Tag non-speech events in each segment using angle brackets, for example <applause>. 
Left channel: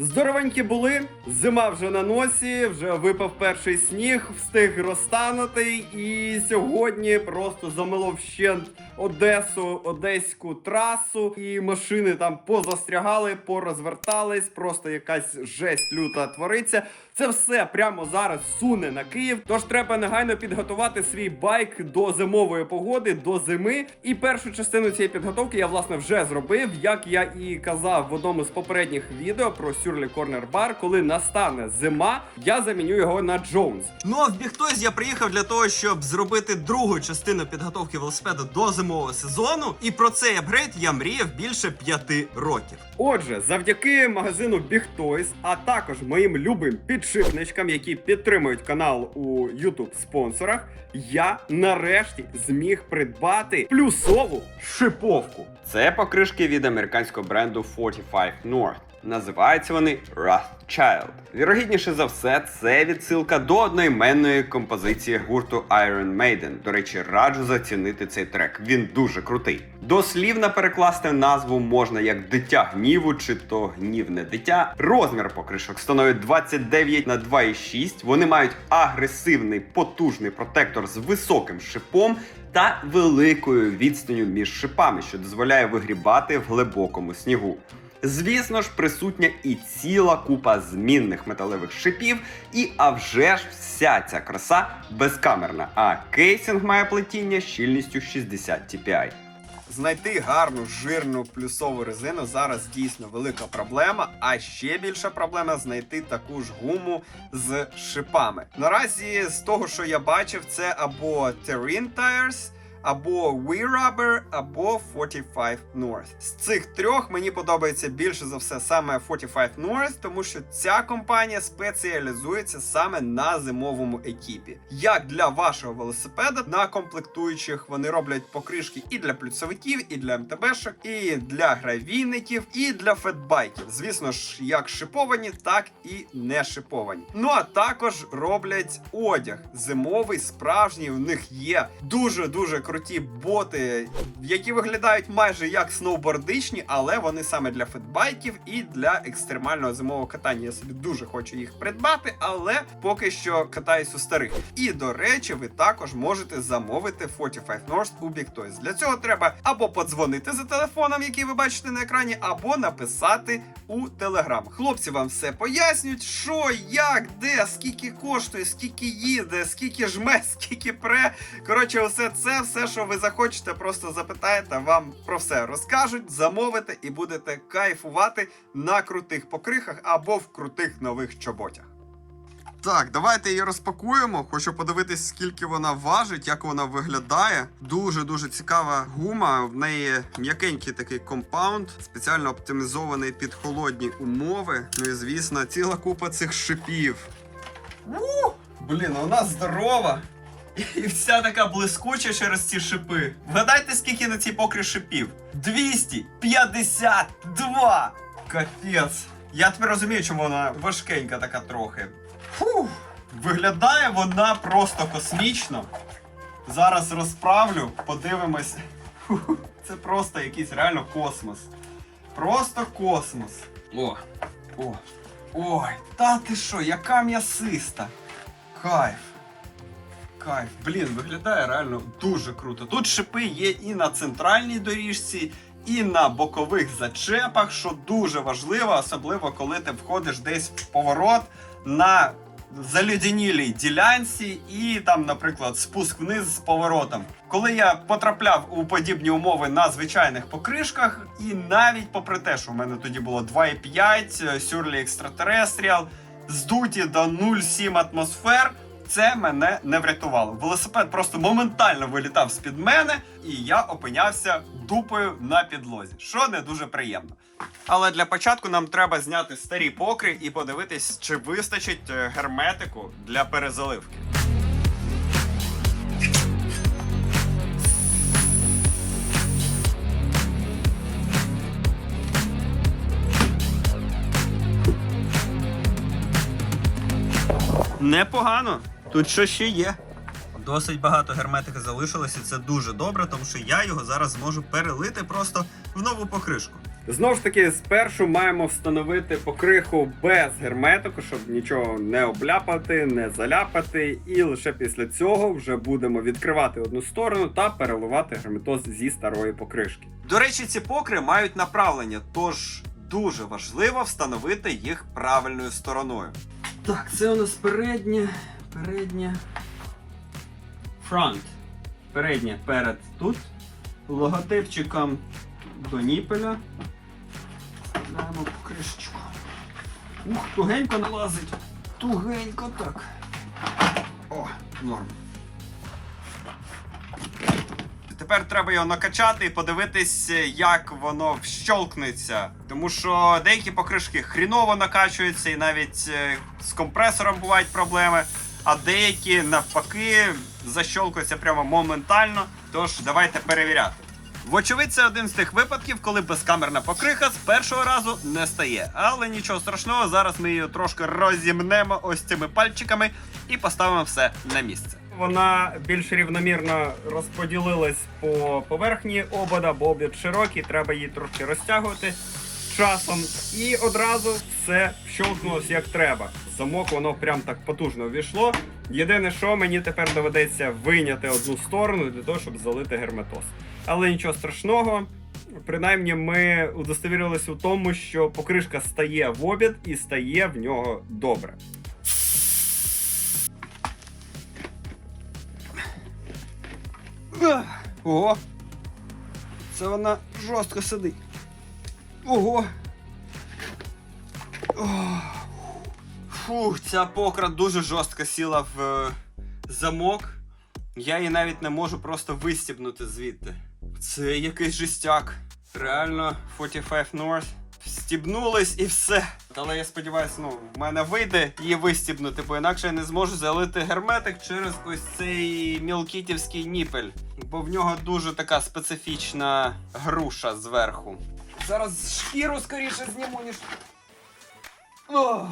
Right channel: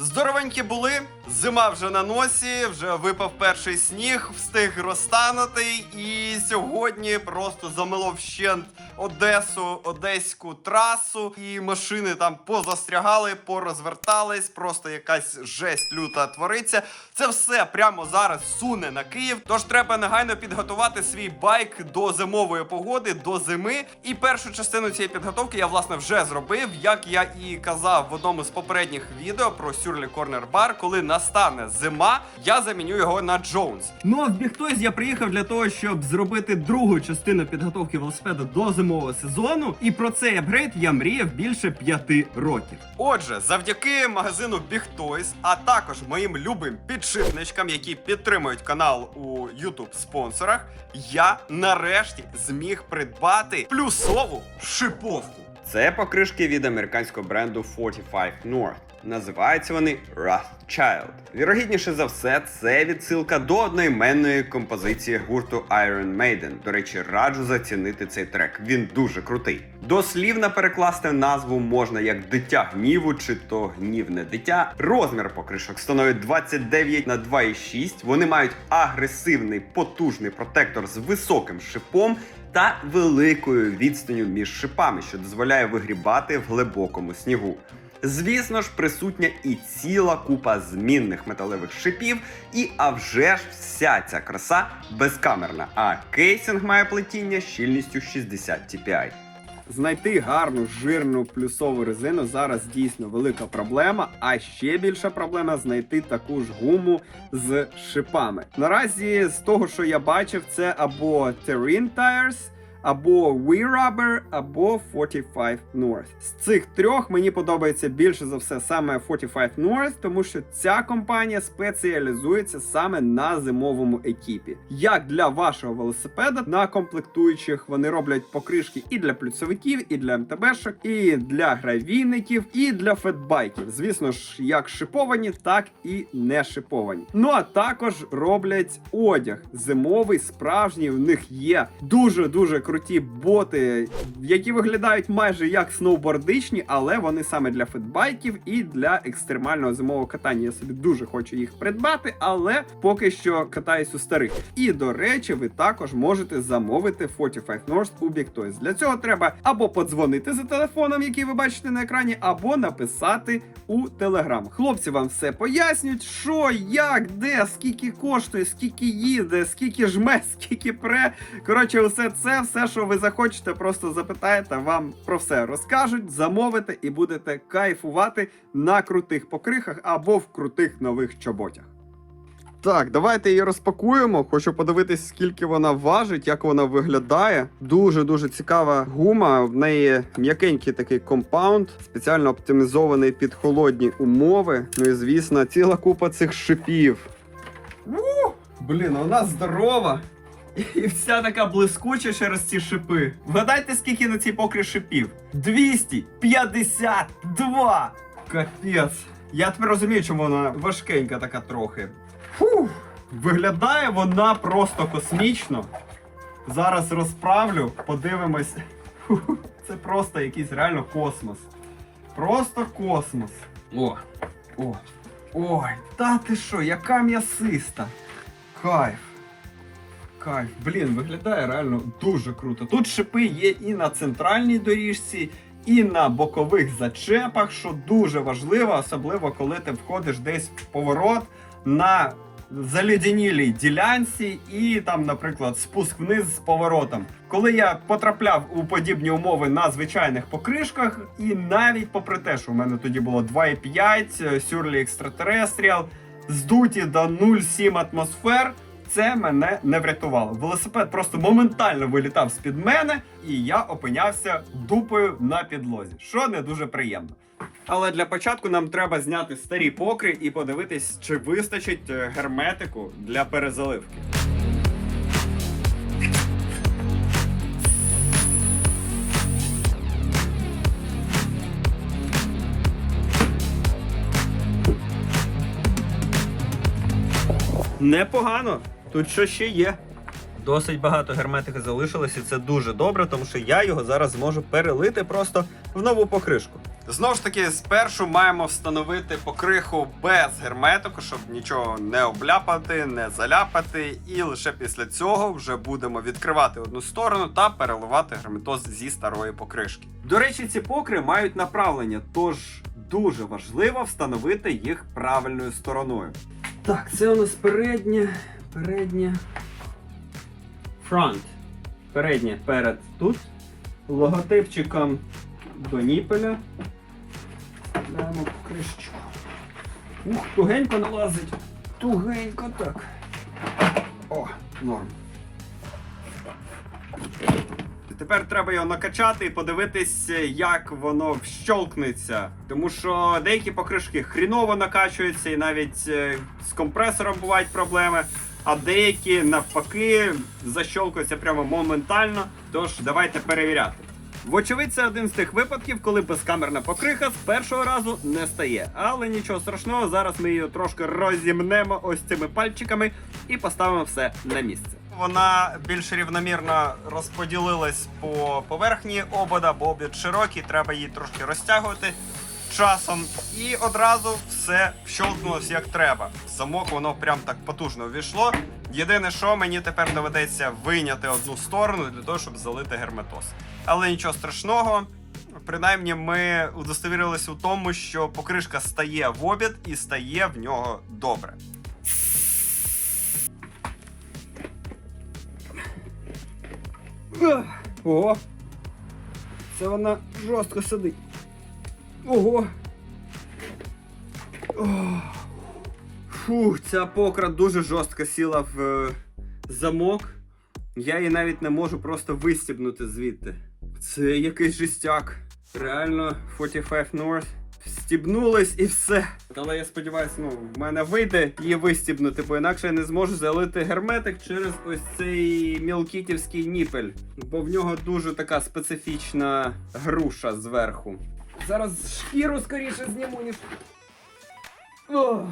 Здоровенькі були, зима вже на носі, вже випав перший сніг, встиг розтанути, і сьогодні просто замило вщент Одесу, одеську трасу, і машини там позастрягали, порозвертались, просто якась жесть люта твориться. Це все прямо зараз суне на Київ. Тож треба негайно підготувати свій байк до зимової погоди, до зими. І першу частину цієї підготовки я власне вже зробив, як я і казав в одному з попередніх відео про Сюрлі Корнер Бар. Коли настане зима, я заміню його на Джонс. Ну а в Бігтойс я приїхав для того, щоб зробити другу частину підготовки велосипеда до зимового сезону. І про цей апгрейд я мріяв більше п'яти років. Отже, завдяки магазину Toys, а також моїм любим підшипничкам, які підтримують канал у YouTube спонсорах, я нарешті зміг придбати плюсову шиповку. Це покришки від американського бренду 45 North. Називаються вони Rothschild. Вірогідніше за все, це відсилка до одноіменної композиції гурту Iron Maiden. До речі, раджу зацінити цей трек. Він дуже крутий. Дослівно перекласти назву можна як дитя гніву чи то гнівне дитя. Розмір покришок становить 29 на 2,6. Вони мають агресивний потужний протектор з високим шипом та великою відстанню між шипами, що дозволяє вигрібати в глибокому снігу. Звісно ж, присутня і ціла купа змінних металевих шипів, і а вже ж вся ця краса безкамерна, а кейсинг має плетіння щільністю 60 TPI. Знайти гарну жирну плюсову резину зараз дійсно велика проблема. А ще більша проблема знайти таку ж гуму з шипами. Наразі з того, що я бачив, це або Terrain Tires, або We Rubber, або 45 North. З цих трьох мені подобається більше за все саме 45 North, тому що ця компанія спеціалізується саме на зимовому екіпі. Як для вашого велосипеда на комплектуючих вони роблять покришки і для плюсовиків, і для МТБшок, і для гравійників, і для фетбайків. Звісно ж, як шиповані, так і не шиповані. Ну а також роблять одяг зимовий, справжній. У них є дуже дуже круті боти, які виглядають майже як сноубордичні, але вони саме для фетбайків і для екстремального зимового катання. Я собі дуже хочу їх придбати, але поки що катаюсь у старих. І до речі, ви також можете замовити 45 North у Toys. Для цього треба або подзвонити за телефоном, який ви бачите на екрані, або написати у Телеграм. Хлопці вам все пояснюють, що, як, де, скільки коштує, скільки їде, скільки жме, <laughs> скільки пре. Коротше, усе це, все, що ви захочете, просто запитаєте, вам про все розкажуть, замовите і будете кайфувати на крутих покрихах або в крутих нових чоботях. Так, давайте її розпакуємо. Хочу подивитись, скільки вона важить, як вона виглядає. Дуже дуже цікава гума. В неї м'якенький такий компаунд, спеціально оптимізований під холодні умови. Ну і звісно, ціла купа цих шипів. У, блін, вона здорова. І вся така блискуча через ці шипи. Вгадайте, скільки на цій покрі шипів? 252! Капець. Я тепер розумію, чому вона важкенька така трохи. Фух, виглядає вона просто космічно. Зараз розправлю, подивимось. Це просто якийсь реально космос. Просто космос. О, о, ой, та ти що, яка м'ясиста. Кайф. Кайф, блін, виглядає реально дуже круто. Тут шипи є і на центральній доріжці, і на бокових зачепах, що дуже важливо, особливо коли ти входиш десь в поворот на залюдянілій ділянці, і там, наприклад, спуск вниз з поворотом. Коли я потрапляв у подібні умови на звичайних покришках, і навіть попри те, що в мене тоді було 2,5 Сюрлі Extraterrestrial, здуті до 0,7 атмосфер. Це мене не врятувало. Велосипед просто моментально вилітав з-під мене, і я опинявся дупою на підлозі, що не дуже приємно. Але для початку нам треба зняти старі покри і подивитись, чи вистачить е, герметику для перезаливки. Непогано. Тут що ще є. Досить багато герметики залишилось, і це дуже добре, тому що я його зараз зможу перелити просто в нову покришку. Знову ж таки, спершу маємо встановити покриху без герметику, щоб нічого не обляпати, не заляпати. І лише після цього вже будемо відкривати одну сторону та переливати герметоз зі старої покришки. До речі, ці покри мають направлення, тож дуже важливо встановити їх правильною стороною. Так, це у нас переднє, переднє. Фронт. Переднє перед тут. Логотипчиком до ніпеля. Даємо покришечку. Ух, тугенько налазить. Тугенько так. О, норм. Тепер треба його накачати і подивитись, як воно вщолкнеться. Тому що деякі покришки хріново накачуються, і навіть е, з компресором бувають проблеми. А деякі навпаки защолкуються прямо моментально. Тож давайте перевіряти. Вочевидь, це один з тих випадків, коли безкамерна покриха з першого разу не стає. Але нічого страшного, зараз ми її трошки розімнемо ось цими пальчиками і поставимо все на місце. Вона більш рівномірно розподілилась по поверхні обода, бо обід широкий, треба її трошки розтягувати часом. І одразу все вщолкнулось як треба. Замок воно прям так потужно увійшло. Єдине, що мені тепер доведеться вийняти одну сторону для того, щоб залити герметоз. Але нічого страшного. Принаймні, ми удостовірилися у тому, що покришка стає в обід і стає в нього добре. Ого! Це вона жорстко сидить. Ого! Фух, ця покра дуже жорстко сіла в е, замок. Я її навіть не можу просто вистібнути звідти. Це якийсь жестяк. Реально, 45 North. Стібнулись і все. Але я сподіваюся, ну, в мене вийде її вистібнути, бо інакше я не зможу залити герметик через ось цей мілкітівський ніпель. Бо в нього дуже така специфічна груша зверху. Зараз шкіру скоріше зніму, ніж. О!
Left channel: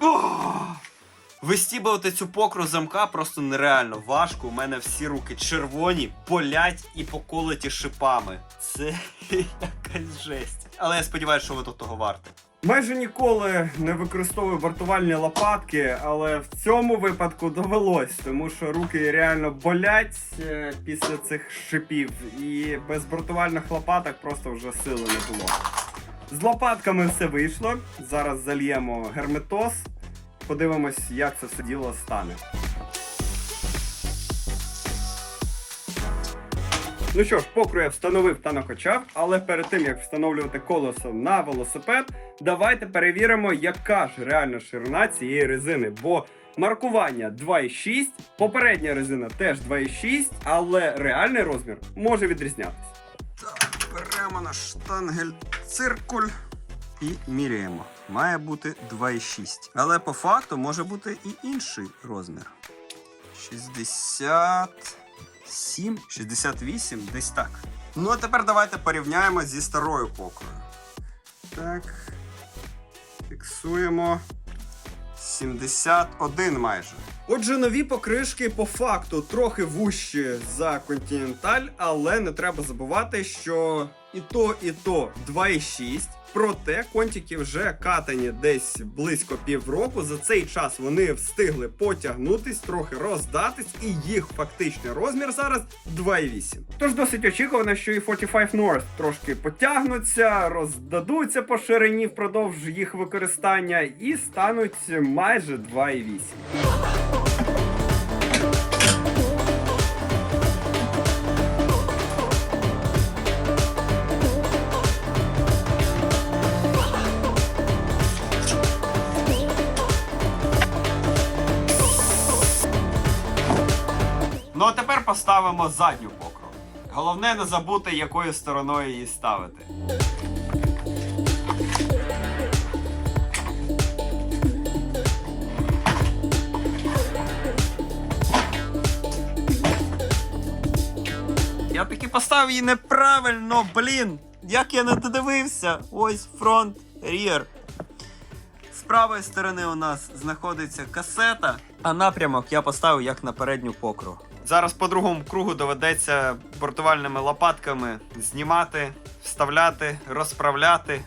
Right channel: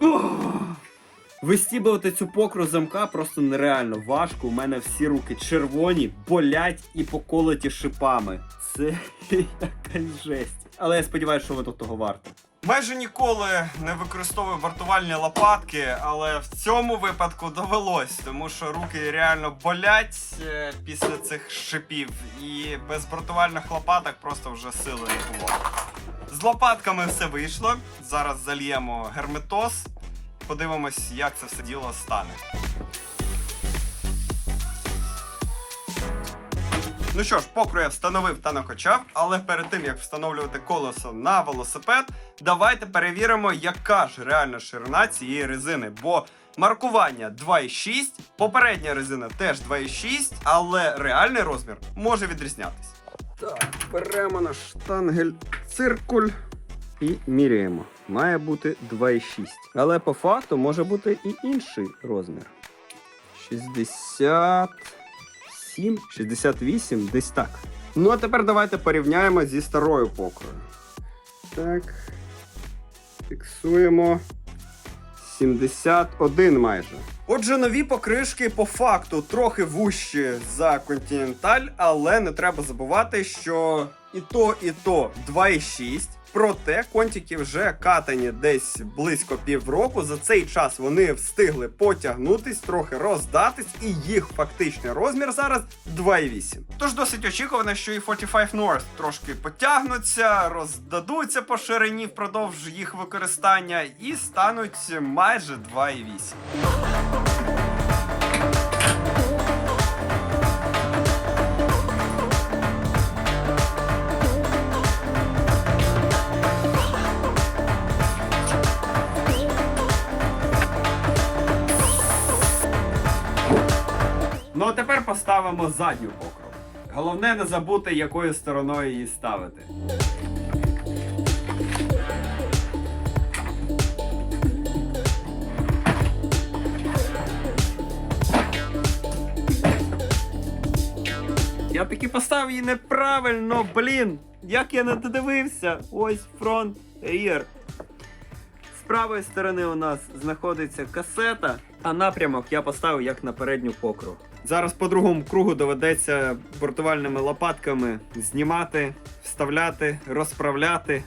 О! Вистібувати цю покру замка просто нереально важко. У мене всі руки червоні, болять і поколоті шипами. Це <laughs> якась жесть. Але я сподіваюся, що воно того варто. Майже ніколи не використовую вартувальні лопатки, але в цьому випадку довелось, тому що руки реально болять е, після цих шипів, і без вартувальних лопаток просто вже сили не було. З лопатками все вийшло. Зараз зальємо герметоз. Подивимось, як це все діло стане. Ну що ж, покру я встановив та накачав, але перед тим як встановлювати колесо на велосипед, давайте перевіримо, яка ж реальна ширина цієї резини. Бо маркування 2,6, попередня резина теж 2,6, але реальний розмір може відрізнятися. Так, беремо наш штангель циркуль і міряємо. Має бути 2,6. Але по факту може бути і інший розмір. 67, 68, десь так. Ну а тепер давайте порівняємо зі старою покрою. Так. Фіксуємо. 71 майже. Отже, нові покришки по факту трохи вужчі за Continental, але не треба забувати, що і то, і то 2,6. Проте контики вже катані десь близько півроку. За цей час вони встигли потягнутись, трохи роздатись, і їх фактичний розмір зараз 2,8. Тож досить очікувано, що і 45 North трошки потягнуться, роздадуться по ширині впродовж їх використання і стануть майже 2,8. Поставимо задню покру. Головне не забути, якою стороною її ставити. Я таки поставив її неправильно, блін. Як я не додивився. Ось фронт, рір. З правої сторони у нас знаходиться касета, а напрямок я поставив як на передню покру. Зараз по другому кругу доведеться бортувальними лопатками знімати, вставляти, розправляти.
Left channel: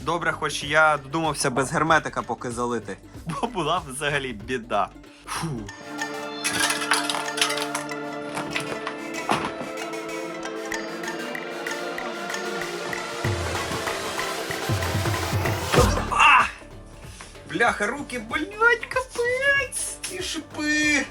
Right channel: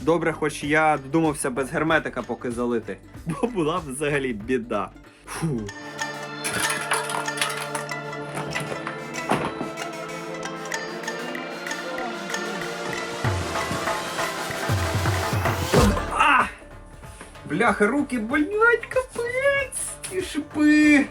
Добре, хоч я додумався без герметика поки залити, бо була взагалі біда. Фу. Бляха, руки болять, капець! І шипи!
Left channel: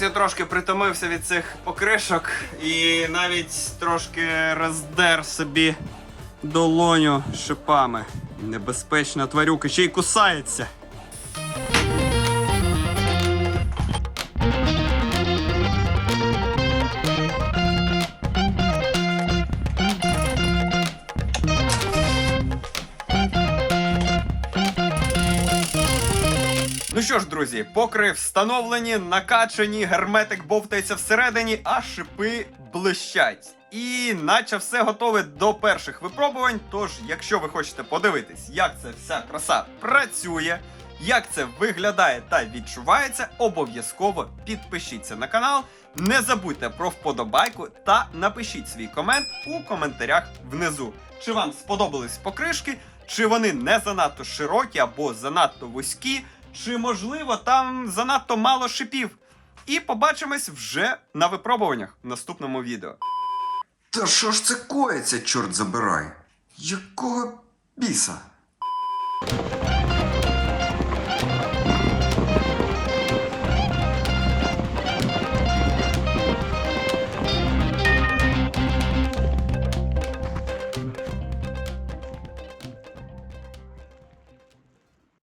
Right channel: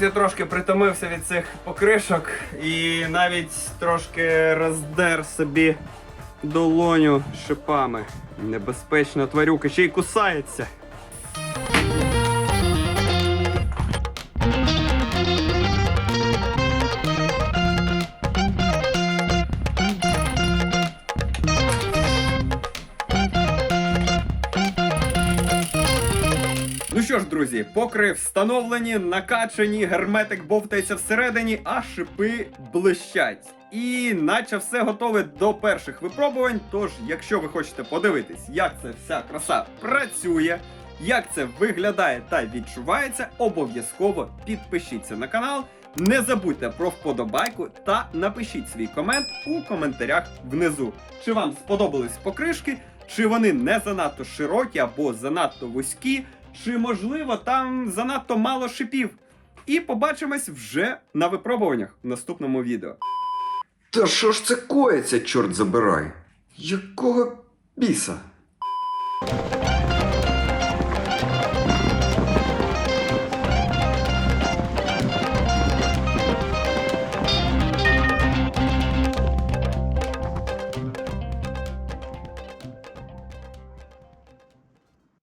Я трошки притомився від цих покришок і навіть трошки роздер собі долоню шипами. Небезпечна тварюка, ще й кусається. Ну що ж, друзі, покри встановлені, накачані, герметик бовтається всередині, а шипи блищать. І наче все готове до перших випробувань. Тож, якщо ви хочете подивитись, як це вся краса працює, як це виглядає та відчувається, обов'язково підпишіться на канал. Не забудьте про вподобайку та напишіть свій комент у коментарях внизу. Чи вам сподобались покришки, чи вони не занадто широкі або занадто вузькі, чи можливо там занадто мало шипів. І побачимось вже на випробуваннях в наступному відео. Та що ж це коїться, чорт забирай? Якого біса?